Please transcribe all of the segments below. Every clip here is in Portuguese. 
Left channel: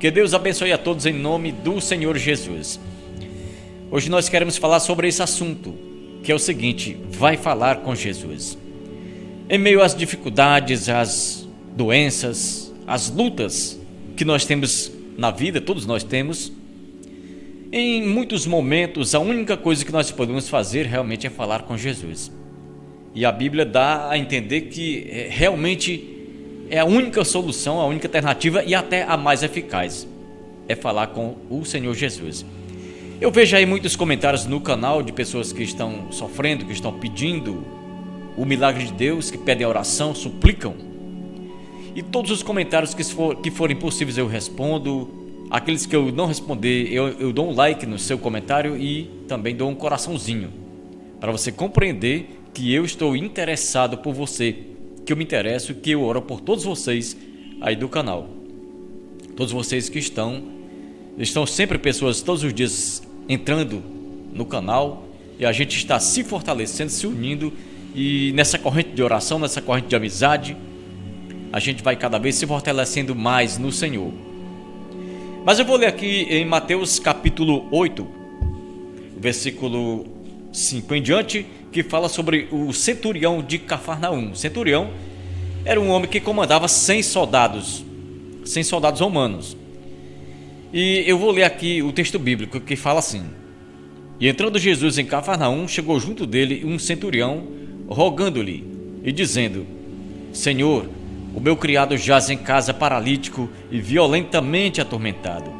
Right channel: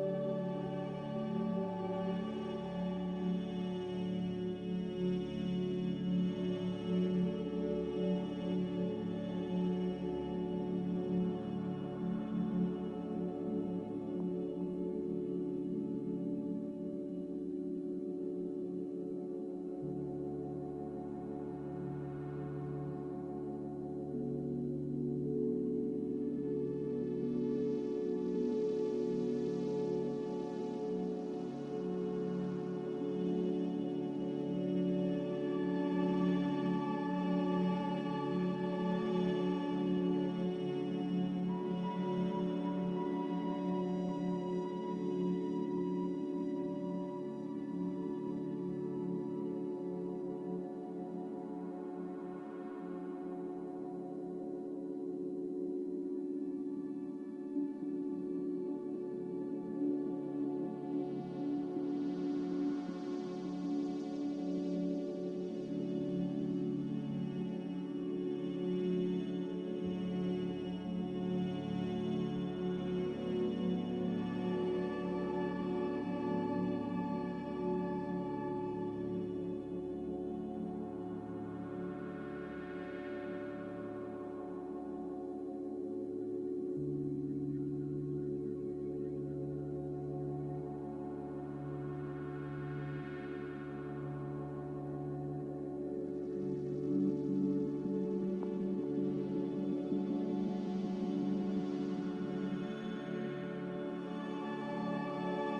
Que Deus abençoe a todos em nome do Senhor Jesus. Hoje nós queremos falar sobre esse assunto, que é o seguinte: vai falar com Jesus. Em meio às dificuldades, às doenças, às lutas que nós temos na vida, todos nós temos, em muitos momentos a única coisa que nós podemos fazer realmente é falar com Jesus. E a Bíblia dá a entender que realmente é a única solução, a única alternativa e até a mais eficaz, é falar com o Senhor Jesus. Eu vejo aí muitos comentários no canal de pessoas que estão sofrendo, que estão pedindo o milagre de Deus, que pedem oração, suplicam. E todos os comentários que forem possíveis eu respondo. Aqueles que eu não responder, eu dou um like no seu comentário e também dou um coraçãozinho, para você compreender que eu estou interessado por você, que eu me interesso, que eu oro por todos vocês aí do canal. Todos vocês que estão sempre pessoas todos os dias entrando no canal, e a gente está se fortalecendo, se unindo, e nessa corrente de oração, nessa corrente de amizade, a gente vai cada vez se fortalecendo mais no Senhor. Mas eu vou ler aqui em Mateus capítulo 8, versículo 5 em diante, que fala sobre o centurião de Cafarnaum. O centurião era um homem que comandava 100 soldados romanos. E eu vou ler aqui o texto bíblico que fala assim: E entrando Jesus em Cafarnaum, chegou junto dele um centurião, rogando-lhe e dizendo: Senhor, o meu criado jaz em casa paralítico e violentamente atormentado.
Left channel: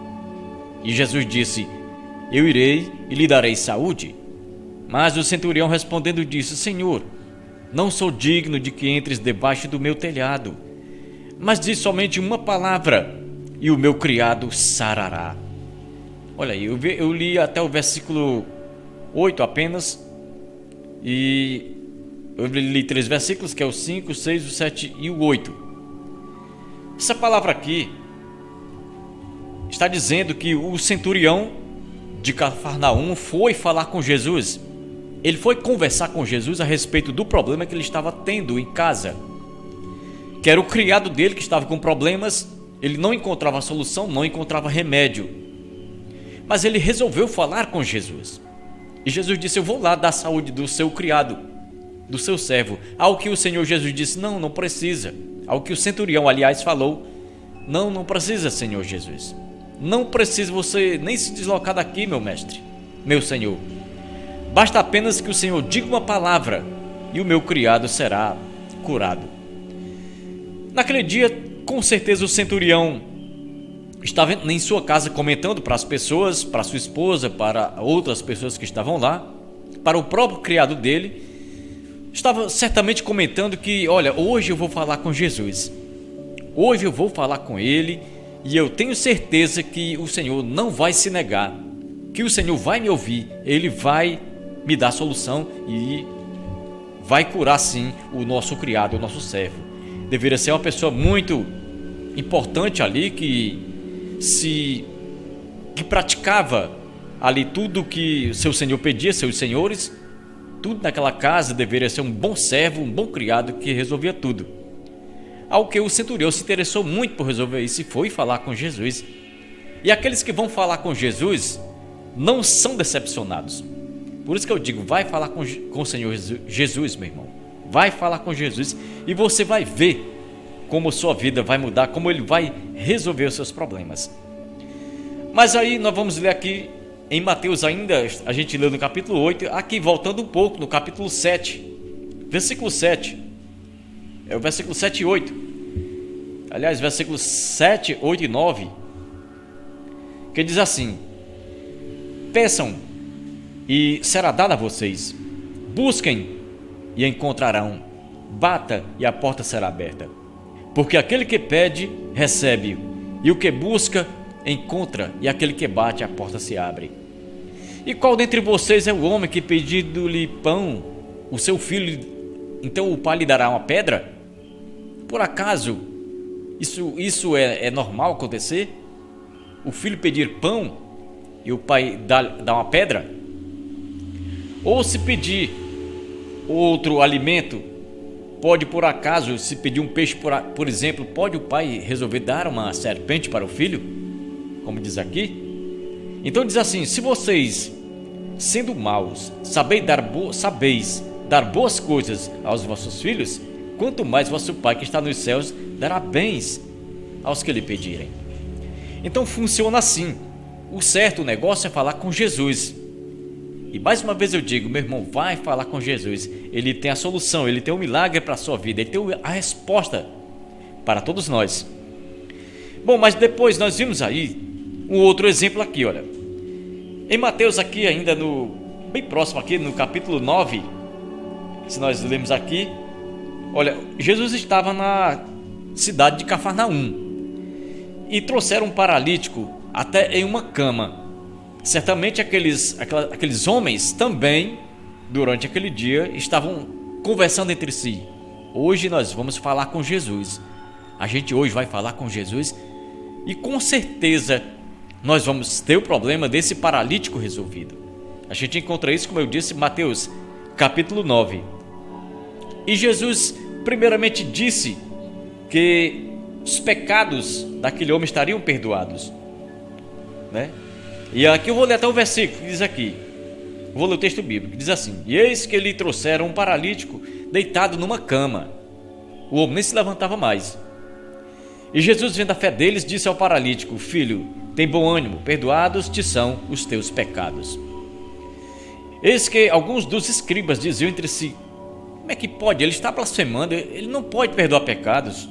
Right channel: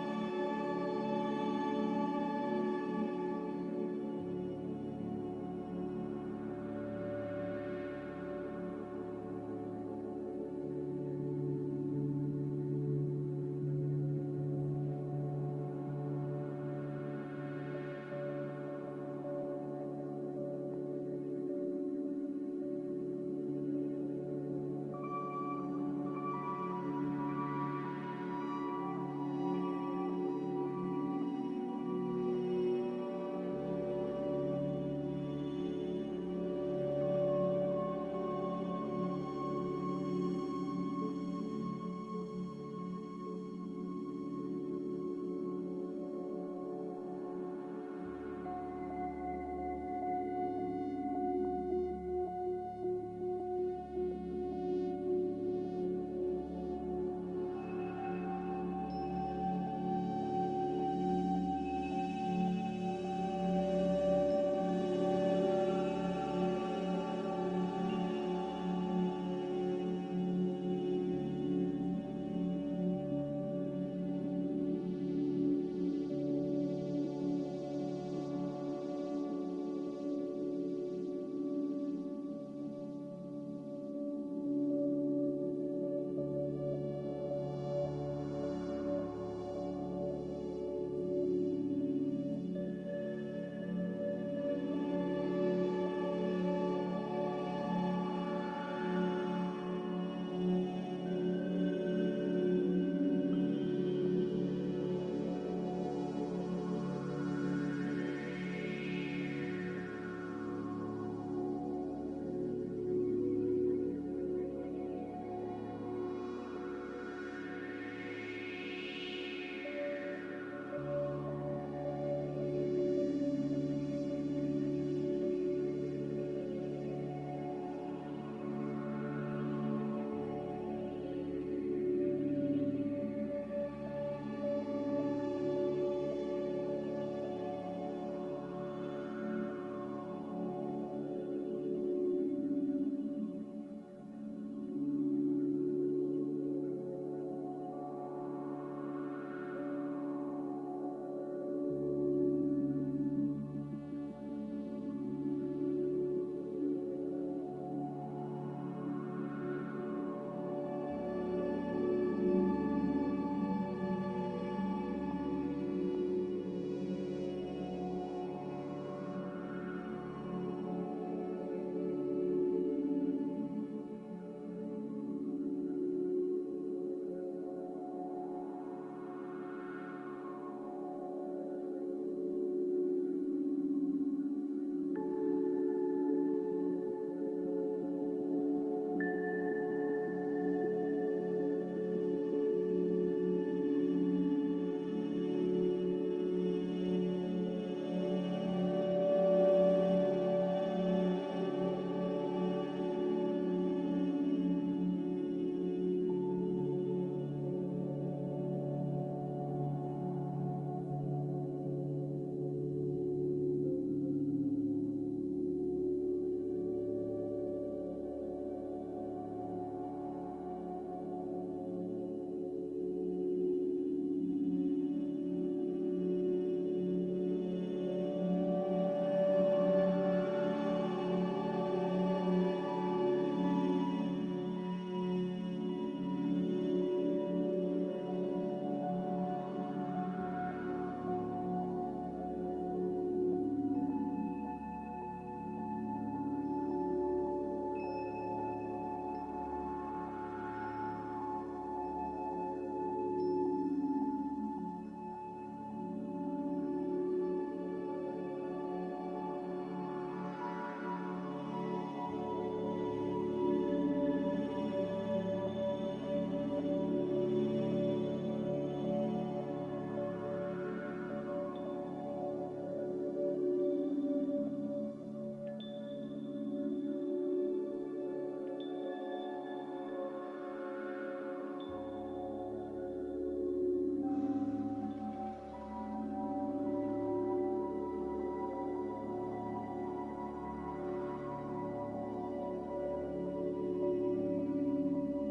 E Jesus disse: Eu irei e lhe darei saúde. Mas o centurião respondendo disse: Senhor, não sou digno de que entres debaixo do meu telhado, mas diz somente uma palavra e o meu criado sarará. Olha aí, eu li até o versículo 8 apenas, e eu li 3 versículos, que é o 5, o 6, o 7 e o 8. Essa palavra aqui está dizendo que o centurião de Cafarnaum foi falar com Jesus. Ele foi conversar com Jesus a respeito do problema que ele estava tendo em casa, que era o criado dele que estava com problemas. Ele não encontrava solução, não encontrava remédio, mas ele resolveu falar com Jesus. E Jesus disse: eu vou lá dar saúde do seu criado, do seu servo. Ao que o Senhor Jesus disse: não precisa. Ao que o centurião, aliás, falou: não precisa, Senhor Jesus. Não precisa você nem se deslocar daqui, meu mestre, meu Senhor. Basta apenas que o Senhor diga uma palavra e o meu criado será curado. Naquele dia, com certeza o centurião estava em sua casa comentando para as pessoas, para sua esposa, para outras pessoas que estavam lá, para o próprio criado dele. Estava certamente comentando que, olha, hoje eu vou falar com Jesus. Hoje eu vou falar com ele e eu tenho certeza que o Senhor não vai se negar, que o Senhor vai me ouvir, ele vai me dar solução e vai curar sim o nosso criado, o nosso servo. Deveria ser uma pessoa muito importante ali, que praticava ali tudo que seu senhor pedia, seus senhores. Tudo naquela casa deveria ser um bom servo, um bom criado que resolvia tudo. Ao que o centurião se interessou muito por resolver isso e foi falar com Jesus. E aqueles que vão falar com Jesus não são decepcionados. Por isso que eu digo, vai falar com o Senhor Jesus, meu irmão. Vai falar com Jesus e você vai ver como sua vida vai mudar, como ele vai resolver os seus problemas. Mas aí nós vamos ler aqui em Mateus ainda, a gente leu no capítulo 8, aqui voltando um pouco no capítulo 7, versículo 7. É o versículo 7 e 8. Aliás, versículos 7, 8 e 9, que diz assim: Peçam e será dado a vocês, busquem e encontrarão, bata e a porta será aberta. Porque aquele que pede, recebe, e o que busca, encontra, e aquele que bate, a porta se abre. E qual dentre vocês é o homem que, pedindo-lhe pão, o seu filho, então o pai lhe dará uma pedra? Por acaso isso é normal acontecer? O filho pedir pão e o pai dar uma pedra? Ou se pedir outro alimento, pode por acaso, se pedir um peixe, por exemplo, pode o pai resolver dar uma serpente para o filho? como diz aqui. Então diz assim: se vocês, sendo maus, sabeis dar boas coisas aos vossos filhos, quanto mais vosso Pai que está nos céus dará bens aos que lhe pedirem. Então funciona assim. O certo, o negócio é falar com Jesus. E mais uma vez eu digo, meu irmão, vai falar com Jesus. Ele tem a solução, ele tem o milagre para a sua vida, ele tem a resposta para todos nós. Bom, mas depois nós vimos aí um outro exemplo aqui, olha. Em Mateus aqui ainda bem próximo aqui no capítulo 9, se nós lemos aqui, olha, Jesus estava na cidade de Cafarnaum e trouxeram um paralítico até em uma cama. Certamente aqueles homens também, durante aquele dia, estavam conversando entre si. Hoje nós vamos falar com Jesus. A gente hoje vai falar com Jesus e com certeza nós vamos ter o problema desse paralítico resolvido. A gente encontra isso, como eu disse, em Mateus capítulo 9. E Jesus primeiramente disse que os pecados daquele homem estariam perdoados, né? E aqui eu vou ler até o versículo que diz aqui. Vou ler o texto bíblico, que diz assim: e eis que lhe trouxeram um paralítico deitado numa cama. O homem nem se levantava mais. E Jesus, vendo a fé deles, disse ao paralítico: filho, tem bom ânimo, perdoados te são os teus pecados. Eis que alguns dos escribas diziam entre si: como é que pode? Ele está blasfemando, ele não pode perdoar pecados.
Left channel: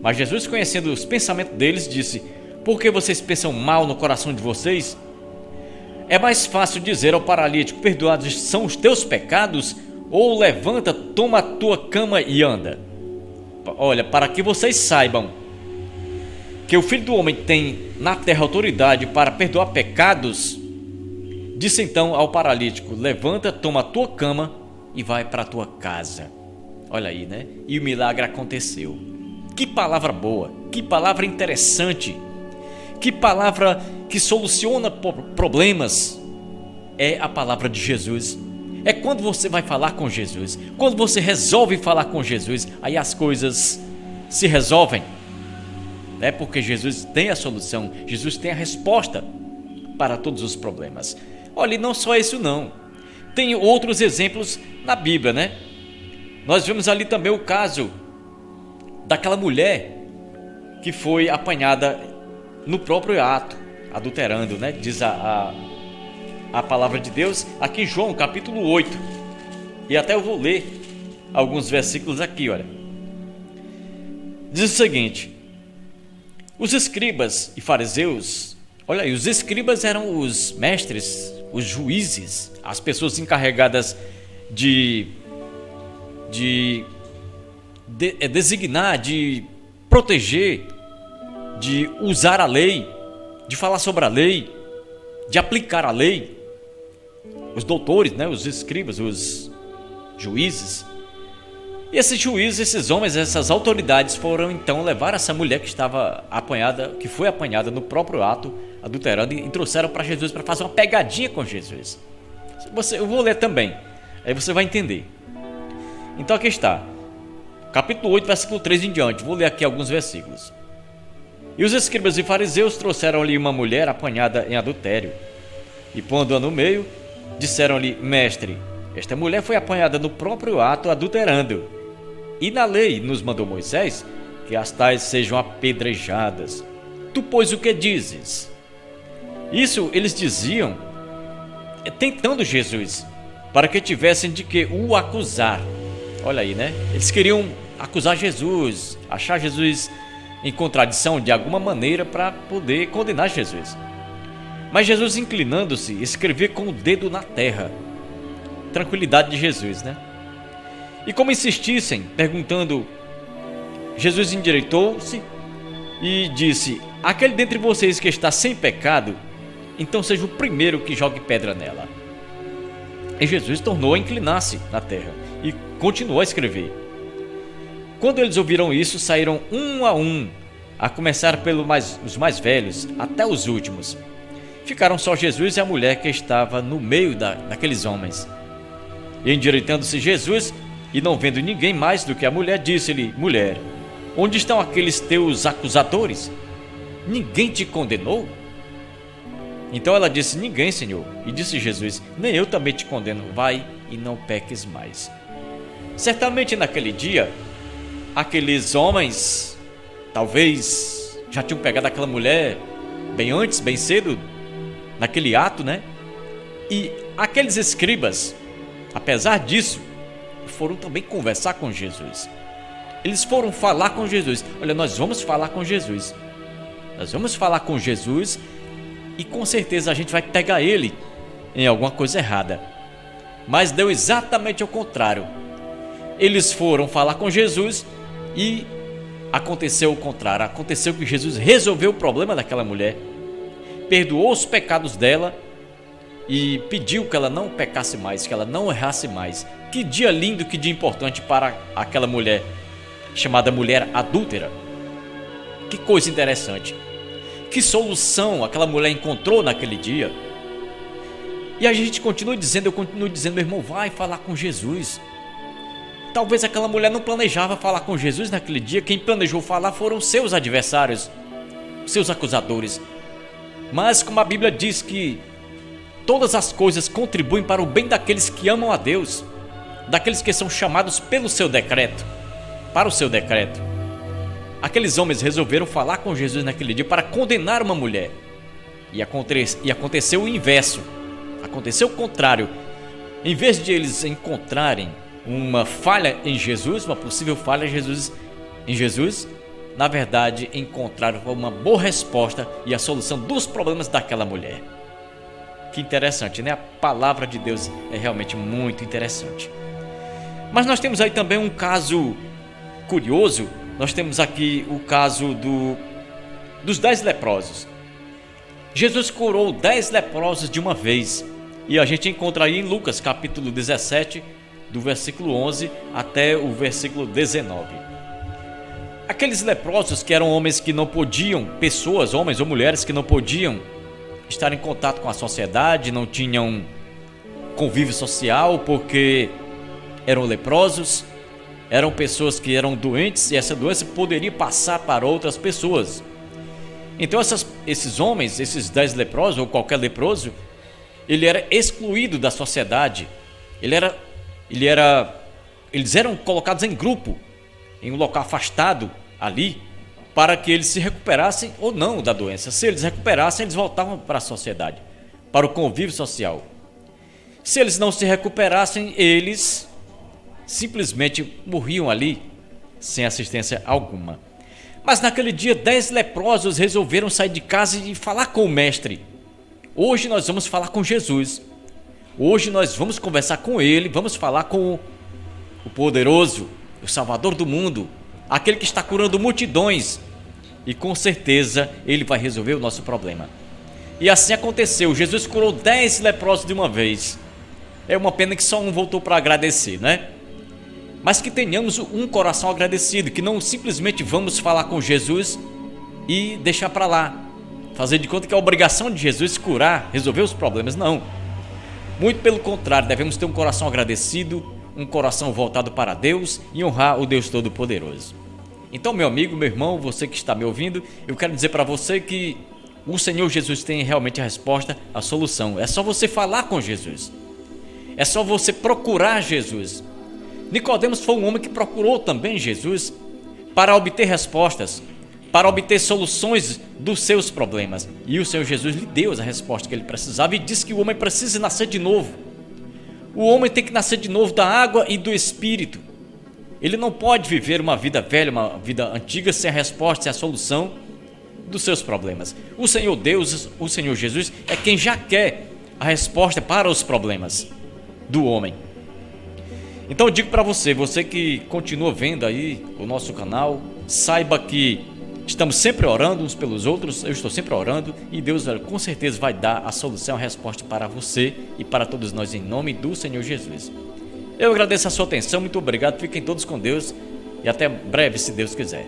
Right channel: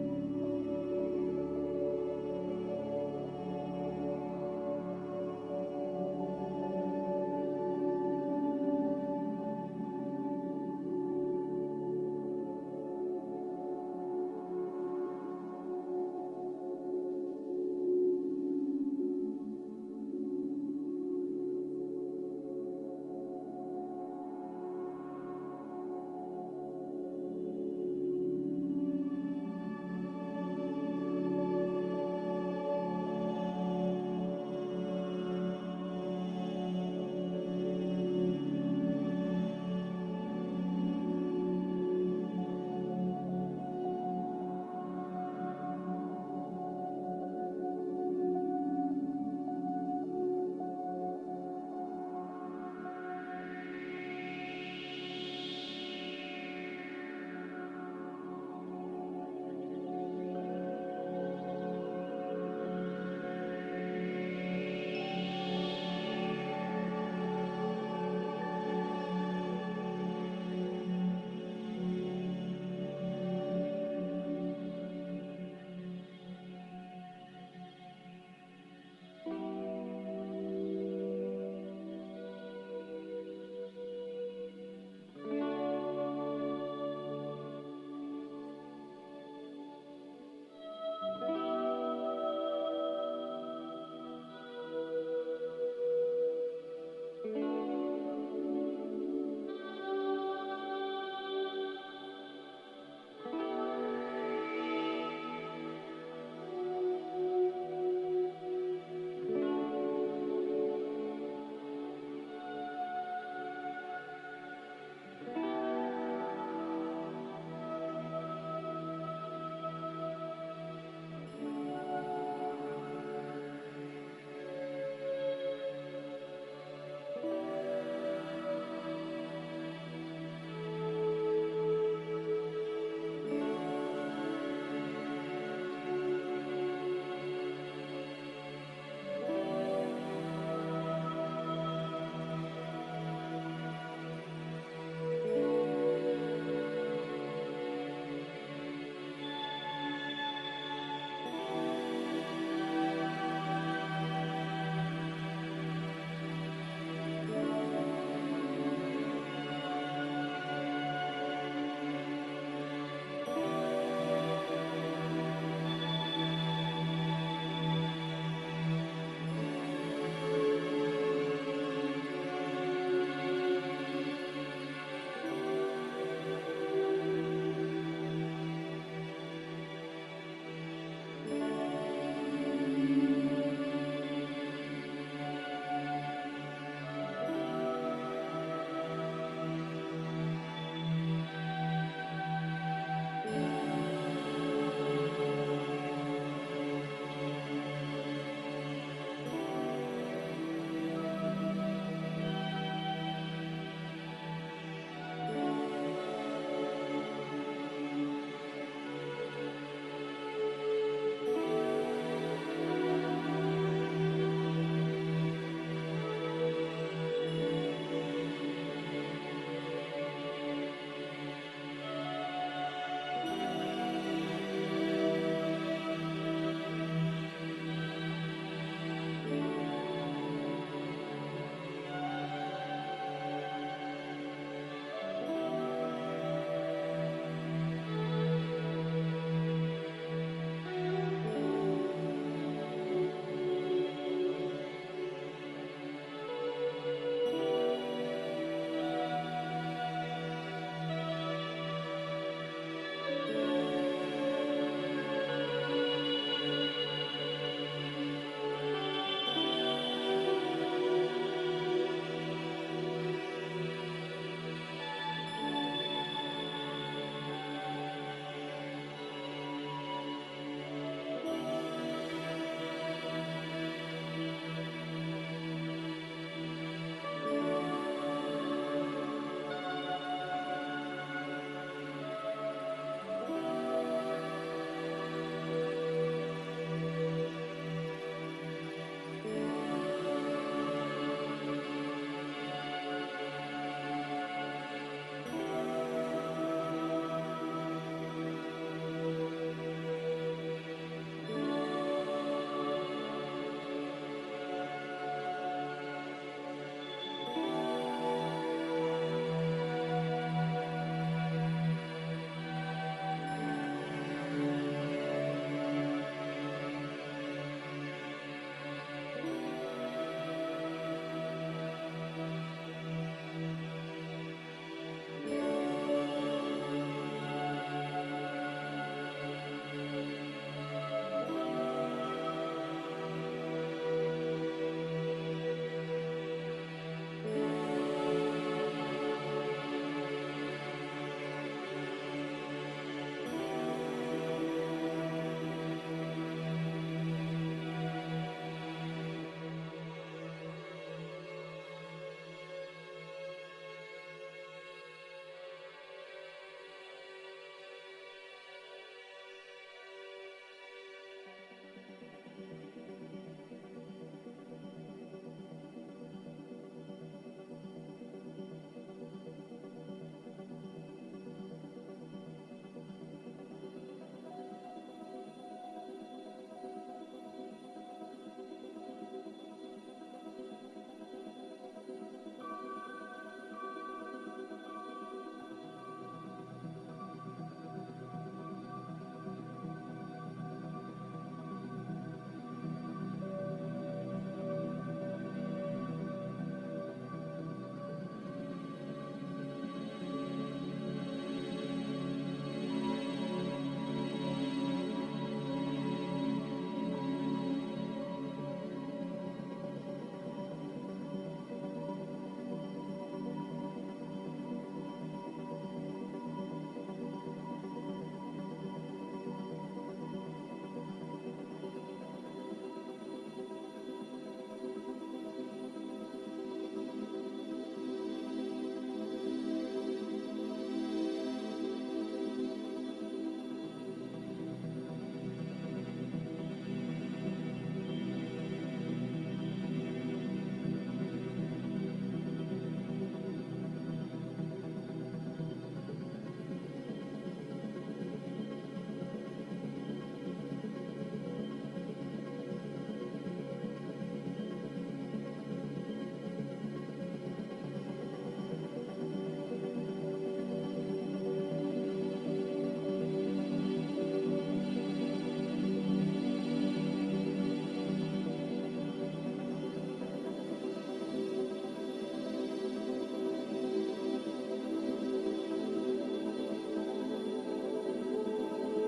Mas Jesus, conhecendo os pensamentos deles, disse: por que vocês pensam mal no coração de vocês? É mais fácil dizer ao paralítico: perdoados são os teus pecados, ou levanta, toma a tua cama e anda. Olha, para que vocês saibam que o Filho do Homem tem na terra autoridade para perdoar pecados, disse então ao paralítico: levanta, toma a tua cama e vai para a tua casa. Olha aí, né? E o milagre aconteceu. Que palavra boa, que palavra interessante, que palavra que soluciona problemas. É a palavra de Jesus. É quando você vai falar com Jesus, quando você resolve falar com Jesus, aí as coisas se resolvem. É porque Jesus tem a solução, Jesus tem a resposta para todos os problemas. Olha, e não só isso não, tem outros exemplos na Bíblia, né? Nós vemos ali também o caso daquela mulher que foi apanhada no próprio ato, adulterando, né? Diz a palavra de Deus aqui em João capítulo 8. E até eu vou ler alguns versículos aqui, olha. Diz o seguinte: os escribas e fariseus, olha aí, os escribas eram os mestres, os juízes, as pessoas encarregadas de designar, de proteger, de usar a lei, de falar sobre a lei, de aplicar a lei. Os doutores, né, os escribas, os juízes. E esses juízes, esses homens, essas autoridades foram então levar essa mulher que estava apanhada, que foi apanhada no próprio ato, adulterando, e trouxeram para Jesus para fazer uma pegadinha com Jesus. Eu vou ler também, aí você vai entender. Então aqui está, capítulo 8, versículo 3 em diante. Vou ler aqui alguns versículos. E os escribas e fariseus trouxeram-lhe uma mulher apanhada em adultério, e pondo-a no meio, disseram-lhe: mestre, esta mulher foi apanhada no próprio ato adulterando, e na lei nos mandou Moisés que as tais sejam apedrejadas. Tu, pois, o que dizes? Isso eles diziam tentando Jesus, para que tivessem de que o acusar. Olha aí, né? Eles queriam acusar Jesus, achar Jesus em contradição de alguma maneira para poder condenar Jesus. Mas Jesus, inclinando-se, escrevia com o dedo na terra. Tranquilidade de Jesus, né? E como insistissem, perguntando, Jesus endireitou-se e disse: aquele dentre vocês que está sem pecado, então seja o primeiro que jogue pedra nela. E Jesus tornou a inclinar-se na terra e continuou a escrever. Quando eles ouviram isso, saíram um, a começar os mais velhos até os últimos. Ficaram só Jesus e a mulher que estava no meio daqueles homens. E endireitando-se Jesus, e não vendo ninguém mais do que a mulher, disse-lhe: mulher, onde estão aqueles teus acusadores? Ninguém te condenou? Então ela disse: ninguém, Senhor. E disse Jesus: nem eu também te condeno, vai e não peques mais. Certamente naquele dia, aqueles homens talvez já tinham pegado aquela mulher bem antes, bem cedo, naquele ato, né? E aqueles escribas, apesar disso, foram também conversar com Jesus. Eles foram falar com Jesus. Olha, nós vamos falar com Jesus. Nós vamos falar com Jesus e com certeza a gente vai pegar ele em alguma coisa errada. Mas deu exatamente ao contrário. Eles foram falar com Jesus e aconteceu o contrário. Aconteceu que Jesus resolveu o problema daquela mulher, perdoou os pecados dela e pediu que ela não pecasse mais, que ela não errasse mais. Que dia lindo, que dia importante para aquela mulher, chamada mulher adúltera. Que coisa interessante. Que solução aquela mulher encontrou naquele dia. E a gente continua dizendo, eu continuo dizendo, meu irmão, vai falar com Jesus. Talvez aquela mulher não planejava falar com Jesus naquele dia. Quem planejou falar foram seus adversários, seus acusadores. Mas como a Bíblia diz que todas as coisas contribuem para o bem daqueles que amam a Deus, daqueles que são chamados pelo seu decreto, para o seu decreto. Aqueles homens resolveram falar com Jesus naquele dia para condenar uma mulher. E aconteceu o inverso, aconteceu o contrário. Em vez de eles encontrarem uma falha em Jesus, uma possível falha em Jesus, na verdade encontraram uma boa resposta e a solução dos problemas daquela mulher. Que interessante, né? A palavra de Deus é realmente muito interessante. Mas nós temos aí também um caso curioso. Nós temos aqui o caso dos 10 leprosos. Jesus curou 10 leprosos de uma vez. E a gente encontra aí em Lucas capítulo 17, do versículo 11 até o versículo 19. Aqueles leprosos que eram homens que não podiam, pessoas, homens ou mulheres que não podiam estar em contato com a sociedade, não tinham convívio social porque eram leprosos, eram pessoas que eram doentes e essa doença poderia passar para outras pessoas. Então esses homens, esses 10 leprosos ou qualquer leproso, ele era excluído da sociedade. Eles eram colocados em grupo, em um local afastado ali, para que eles se recuperassem ou não da doença. Se eles recuperassem, eles voltavam para a sociedade, para o convívio social. Se eles não se recuperassem, eles simplesmente morriam ali, sem assistência alguma. Mas naquele dia, 10 leprosos resolveram sair de casa e falar com o mestre. Hoje nós vamos falar com Jesus. Hoje nós vamos conversar com ele, vamos falar com o poderoso, o Salvador do mundo, aquele que está curando multidões. E com certeza ele vai resolver o nosso problema. E assim aconteceu, Jesus curou 10 leprosos de uma vez. É uma pena que só um voltou para agradecer, né? Mas que tenhamos um coração agradecido, que não simplesmente vamos falar com Jesus e deixar para lá, fazer de conta que é a obrigação de Jesus curar, resolver os problemas. Não. Muito pelo contrário, devemos ter um coração agradecido, um coração voltado para Deus e honrar o Deus Todo-Poderoso. Então, meu amigo, meu irmão, você que está me ouvindo, eu quero dizer para você que o Senhor Jesus tem realmente a resposta, a solução. É só você falar com Jesus. É só você procurar Jesus. Nicodemos foi um homem que procurou também Jesus para obter respostas, para obter soluções dos seus problemas. E o Senhor Jesus lhe deu a resposta que ele precisava e disse que o homem precisa nascer de novo. O homem tem que nascer de novo da água e do Espírito. Ele não pode viver uma vida velha, uma vida antiga sem a resposta, sem a solução dos seus problemas. O Senhor Deus, o Senhor Jesus é quem já quer a resposta para os problemas do homem. Então eu digo para você, você que continua vendo aí o nosso canal, saiba que estamos sempre orando uns pelos outros, eu estou sempre orando e Deus com certeza vai dar a solução, a resposta para você e para todos nós em nome do Senhor Jesus. Eu agradeço a sua atenção, muito obrigado, fiquem todos com Deus e até breve se Deus quiser.